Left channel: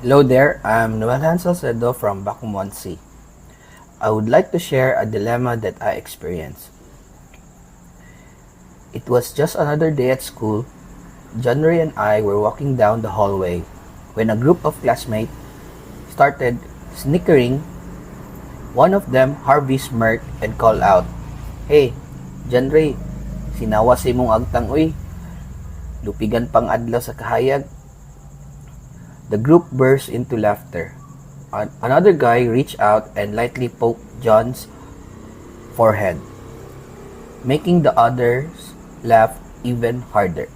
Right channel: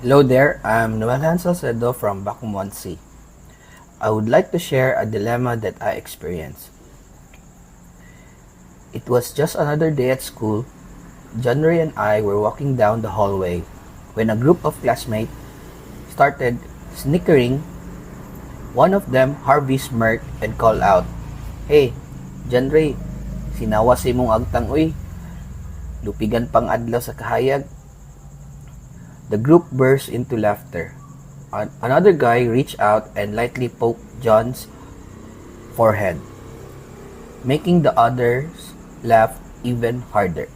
Hello there, I'm Noel Hansel Cedo from Bacumonsi. I would like to share a dilemma that I experienced. It was just another day at school. January and I were walking down the hallway when a group of classmates started snickering. One of them, Harvey, smirked and called out, "Hey, January, sinawa sa imong agtang uy. Lupigan pang adlaw sa kahayag." The group burst into laughter. Another guy reached out and lightly poked John's forehead, making the others laugh even harder.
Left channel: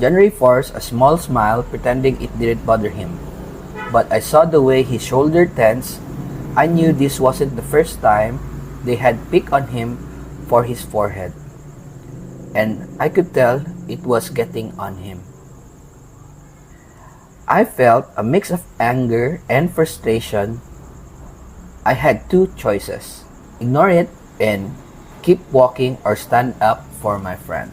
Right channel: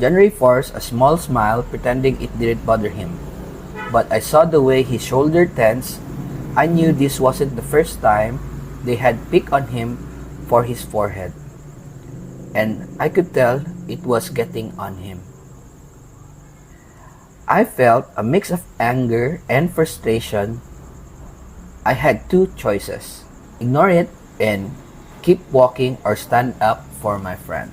January forced a small smile, pretending it didn't bother him. But I saw the way his shoulder tensed. I knew this wasn't the first time they had picked on him for his forehead. And I could tell it was getting on him. I felt a mix of anger and frustration. I had two choices: ignore it and keep walking, or stand up for my friend.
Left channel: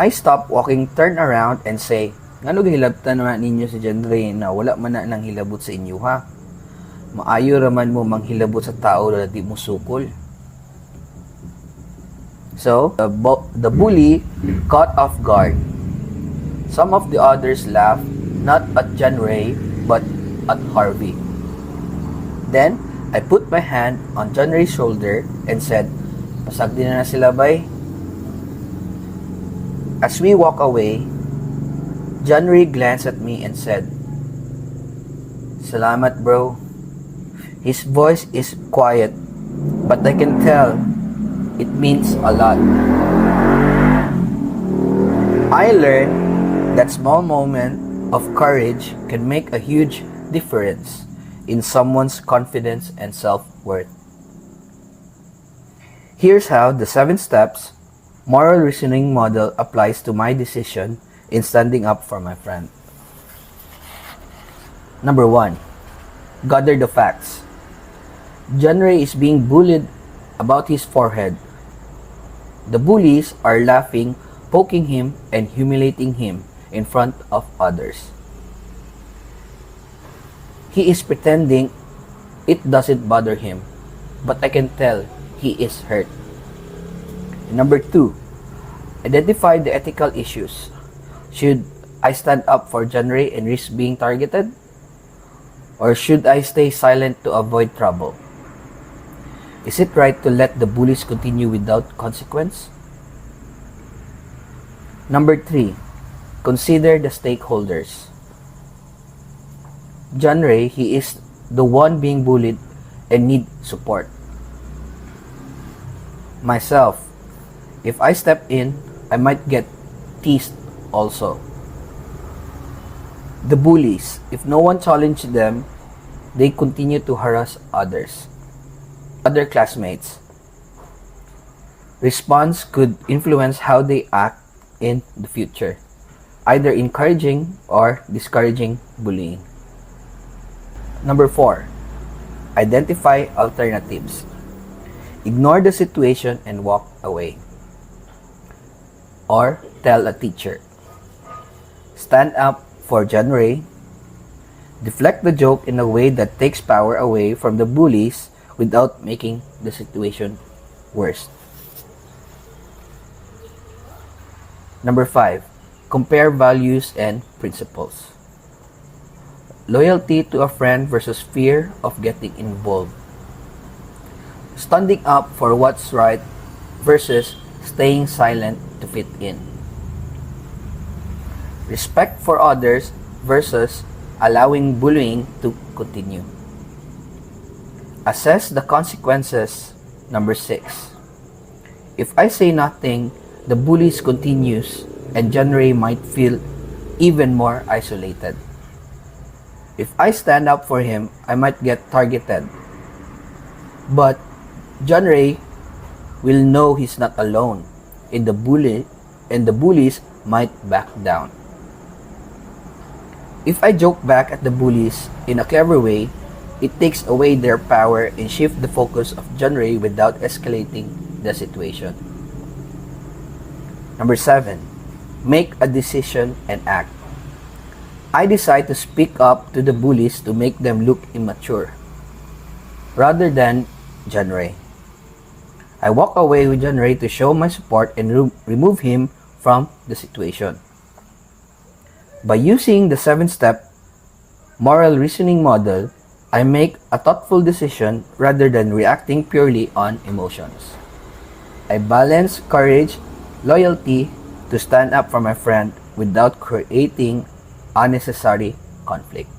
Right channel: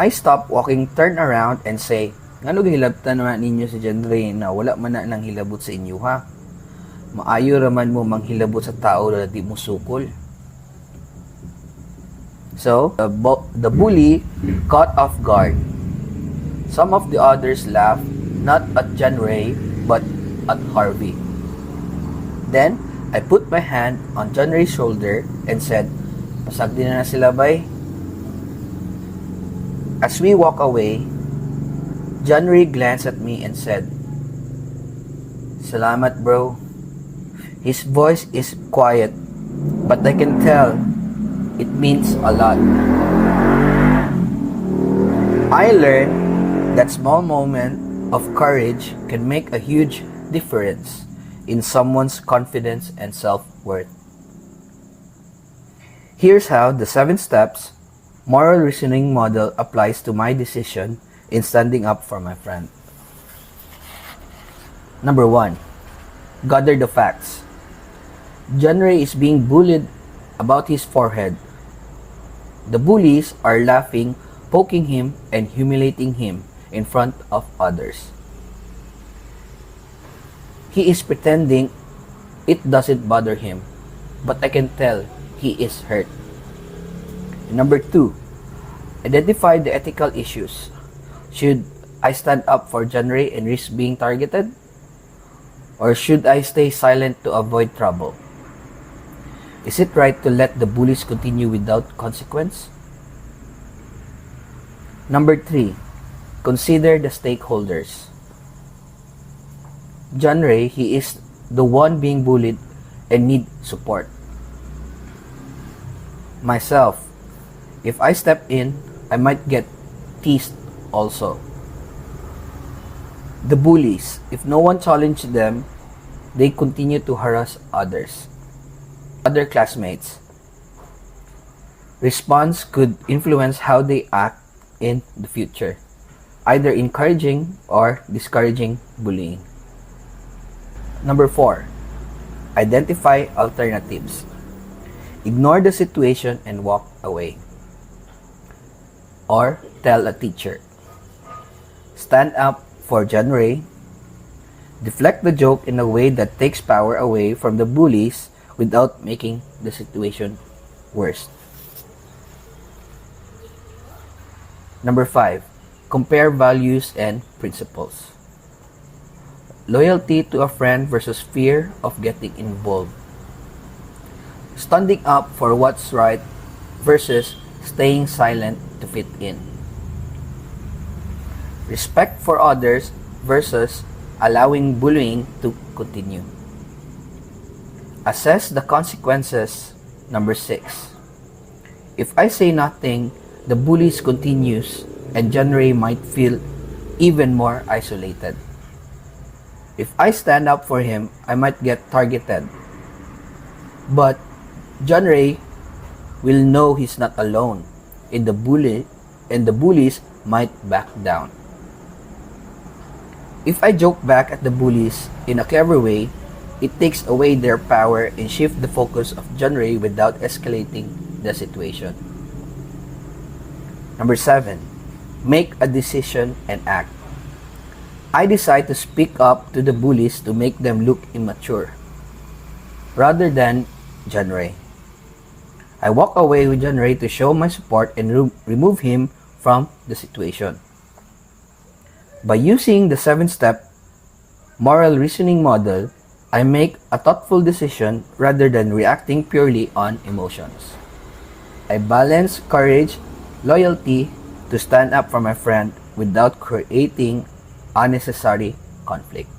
I stopped walking, turned around, and say, "Ngano gihilabtan naman ninyo si January na wala man na nang hilabot sa inyo ha? Maayo raman mo manghilabot sa tao na di mo sukol." So, the bully caught off guard. Some of the others laughed, not at January, but at Harvey. Then, I put my hand on January's shoulder and said, "Pasagdi na sila bay." As we walk away, January glanced at me and said, "Salamat, bro." His voice is quiet, but I can tell it means a lot. I learned that small moment of courage can make a huge difference in someone's confidence and self-worth. Here's how the 7 steps moral reasoning model applies to my decision in standing up for my friend. Number 1. Gather the facts. January is being bullied about his forehead. The bullies are laughing, poking him, and humiliating him in front of others. He is pretending it doesn't bother him, but I can tell he is hurt. Number 2, identify the ethical issues. Should I stand up for January and risk being targeted? Or should I stay silent to avoid trouble? Is it right to let the bullies continue without consequence? Number 3, consider the stakeholders. January, he is the one being bullied and need support. Myself, if I step in, I might get teased also. The bullies, if no one challenged them, they continue to harass others. Other classmates. Response could influence how they act in the future, either encouraging or discouraging bullying. Number 4, identify alternatives. Ignore the situation and walk away. Or tell a teacher. Stand up for January. Deflect the joke in a way that takes power away from the bullies without making the situation worse. Number 5, compare values and principles. Loyalty to a friend versus fear of getting involved. Standing up for what's right versus staying silent to fit in. Respect for others versus allowing bullying to continue. Assess the consequences. Number 6. If I say nothing, the bullies continues and January might feel even more isolated. If I stand up for him, I might get targeted. But January will know he's not alone, and the bullies might back down. If I joke back at the bullies in a clever way, it takes away their power and shift the focus of January without escalating the situation. Number 7, make a decision and act. I decide to speak up to the bullies to make them look immature, rather than John Ray. I walk away with John Ray to show my support and remove him from the situation. By using the 7-step moral reasoning model, I make a thoughtful decision rather than reacting purely on emotions. I balance courage, loyalty to stand up for my friend without creating unnecessary conflict.